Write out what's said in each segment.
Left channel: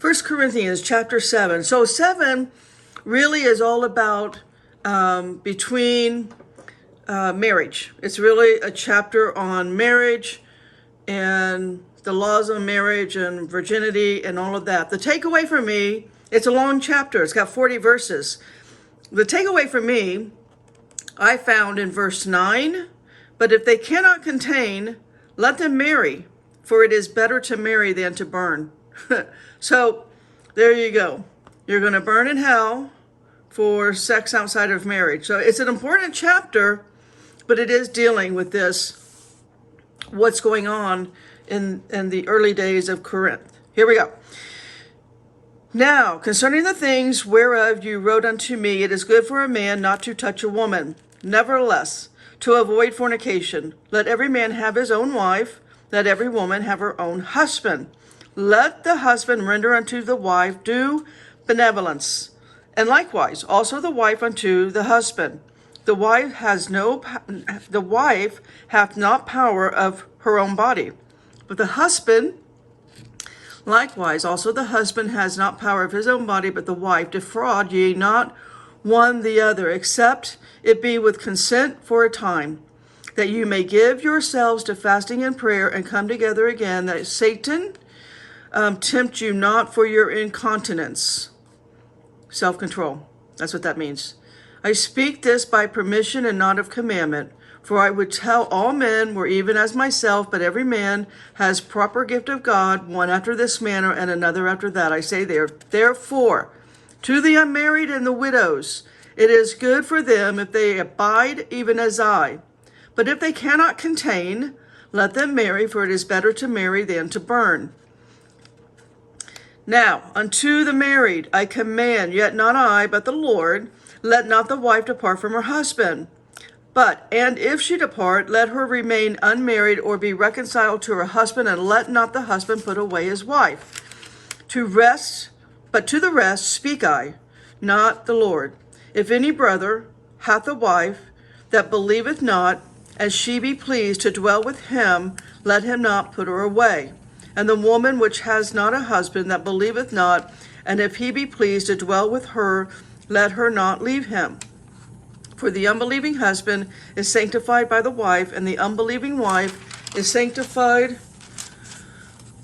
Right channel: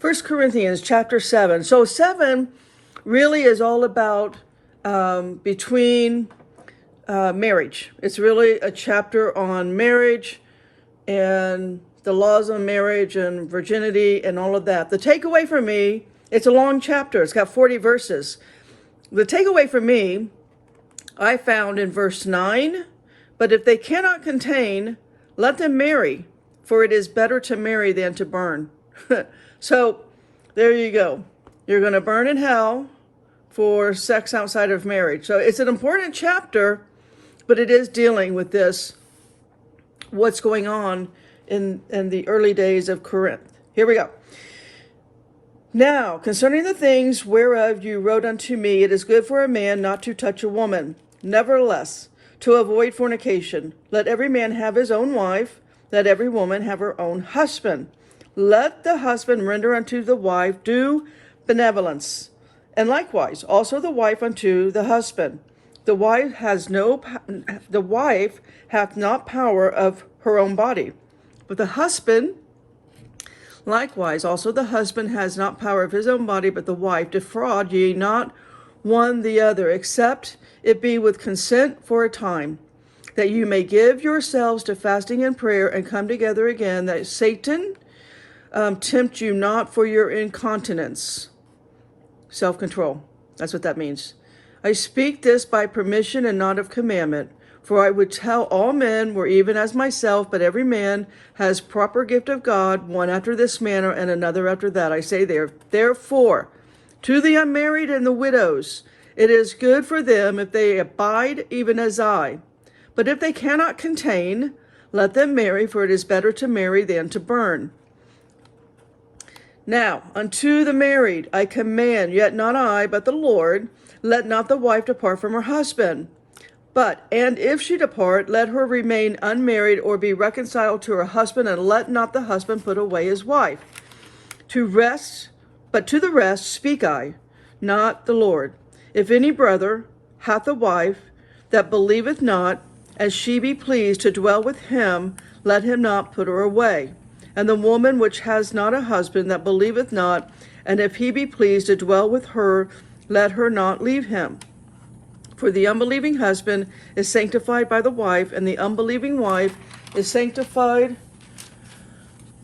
First Corinthians chapter 7. So 7 really is all about between marriage. It's really a chapter on marriage and the laws of marriage and virginity and all of that. The takeaway for me, it's a long chapter. It's got 40 verses. The takeaway for me, I found in verse 9, but if they cannot contain, let them marry, for it is better to marry than to burn. So there you go. You're going to burn in hell for sex outside of marriage. So it's an important chapter, but it is dealing with this, what's going on in the early days of Corinth. Here we go. Now, concerning the things whereof you wrote unto me, it is good for a man not to touch a woman. Nevertheless, to avoid fornication, let every man have his own wife, let every woman have her own husband. Let the husband render unto the wife due benevolence, and likewise also the wife unto the husband. The wife hath not power of her own body, but the husband likewise also the husband has not power of his own body, but the wife. Defraud ye not one the other, except it be with consent for a time, that you may give yourselves to fasting and prayer, and come together again, that Satan tempt you not for your incontinence. Self-control. That's what that means. I speak this by permission and not of commandment. For I would tell all men were even as myself, but every man has proper gift of God, one after this manner and another after that. I say therefore, to the unmarried and the widows, it is good for them if they abide even as I. But if they cannot contain, let them marry, for it is better to marry than to burn. Now, unto the married I command, yet not I, but the Lord, let not the wife depart from her husband. And if she depart, let her remain unmarried or be reconciled to her husband, and let not the husband put away his wife. But to the rest speak I, not the Lord. If any brother hath a wife that believeth not, and she be pleased to dwell with him, let him not put her away. And the woman which has not a husband that believeth not, and if he be pleased to dwell with her, let her not leave him. For the unbelieving husband is sanctified by the wife, and the unbelieving wife is sanctified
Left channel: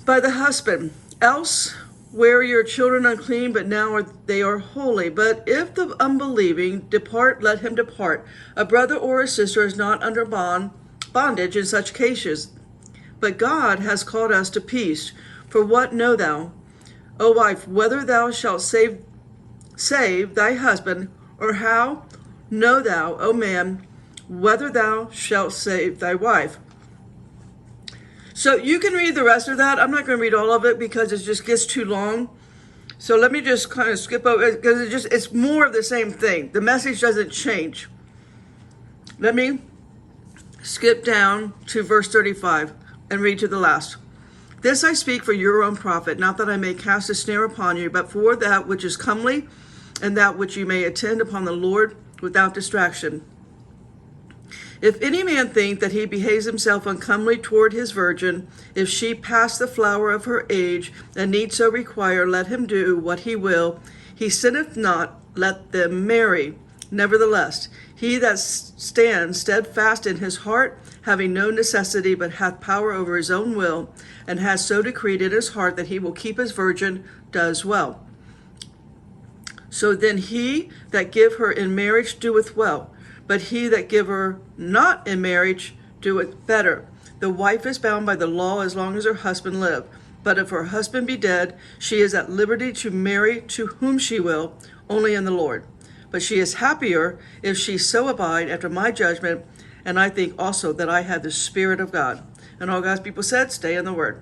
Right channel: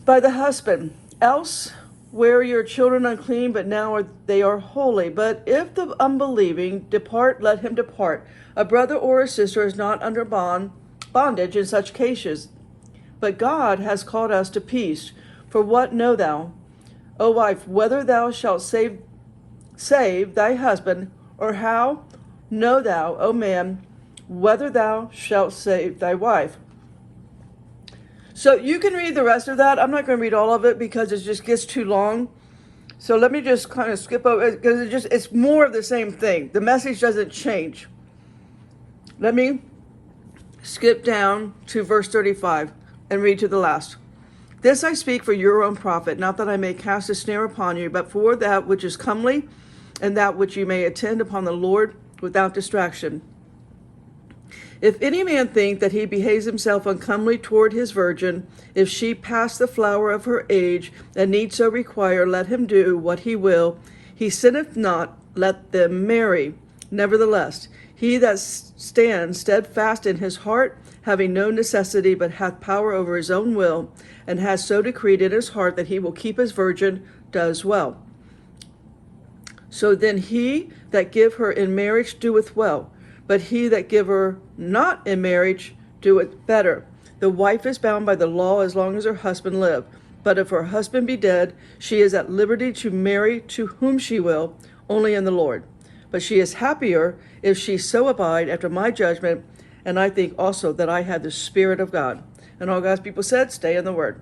by the husband. Else were your children unclean, but now they are holy. But if the unbelieving depart, let him depart. A brother or a sister is not under bondage in such cases. But God has called us to peace. For what know thou, O wife, whether thou shalt save thy husband, or how know thou, O man, whether thou shalt save thy wife? So you can read the rest of that. I'm not going to read all of it because it just gets too long. So let me just kind of skip over it, because it's more of the same thing. The message doesn't change. Let me skip down to verse 35 and read to the last. This I speak for your own profit, not that I may cast a snare upon you, but for that which is comely, and that which you may attend upon the Lord without distraction. If any man think that he behaves himself uncomely toward his virgin, if she pass the flower of her age, and need so require, let him do what he will. He sinneth not, let them marry. Nevertheless, he that stands steadfast in his heart, having no necessity, but hath power over his own will, and has so decreed in his heart that he will keep his virgin, does well. So then he that give her in marriage doeth well, but he that give her not in marriage doeth better. The wife is bound by the law as long as her husband live. But if her husband be dead, she is at liberty to marry to whom she will, only in the Lord. But she is happier if she so abide after my judgment, and I think also that I have the Spirit of God. And all God's people said, stay in the Word.